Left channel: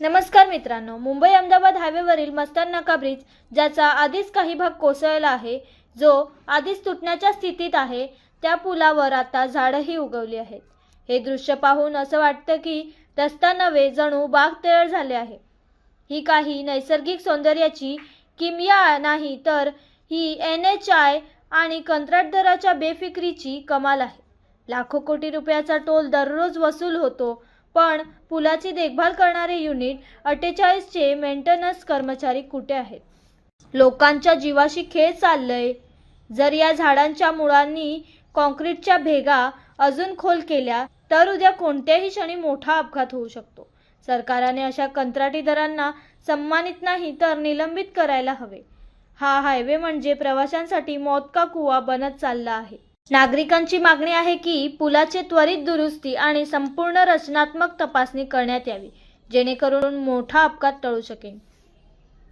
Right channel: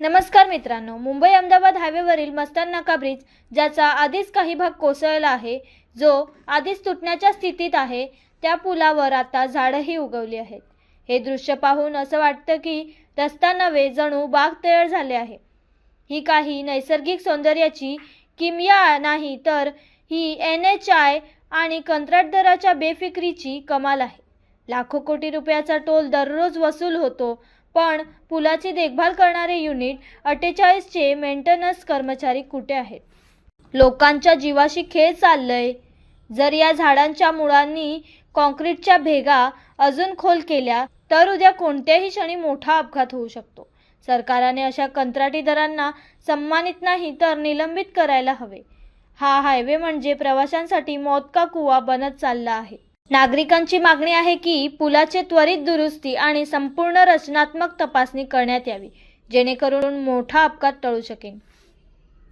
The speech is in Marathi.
नमस्कार मित्रांनो, मुंबई अहमदाबाद हायवेवरील मस्तान नाका ब्रिज ज्याचा आधीच काही भाग कोसळला आहे, जो आधीच तुटण्याच्या स्थितीत आहे, त्या पुलावर आता झाडंही उगवली आहेत। हे दृश्य पाहून असं वाटतं की रस्ता नव्हे जणू बाग तयार झाले आहे। ही काही नैसर्गिक सौंदर्याची किमया नाही तर ही NHI आणि कंत्राटदाराच्या बेफिकिरीची कमाल आहे। लाखो कोटी रुपयाचा टोल दररोज वसूल होतो, पण पुलाची देखभाल करणारे युनिट 48 चे मेंटेनन्स कर्मचारी कुठे आहेत? लोकांच्या जीवाशी खेळ चाललंय। जर या झाडांच्या मुळांनी कॉन्क्रीटच्या भेगा अजून खोल केल्या तर उद्या कोणत्याही क्षणी मोठा अपघात होऊ शकतो। सरकारने अशा कंत्राटीदारांना सन्मानित नाही तर निलंबित करायला हवे। हा हायवे म्हणजे प्रवाशांसाठी मौत का कुवा बनत चालला आहे। नागरिकांची मागणी आहे की पुलाचे त्वरित दुरुस्ती आणि संपूर्ण रचनात्मक तपासणी करण्यात यावी, जेणेकरून मोठा अपघात टळू शकेल।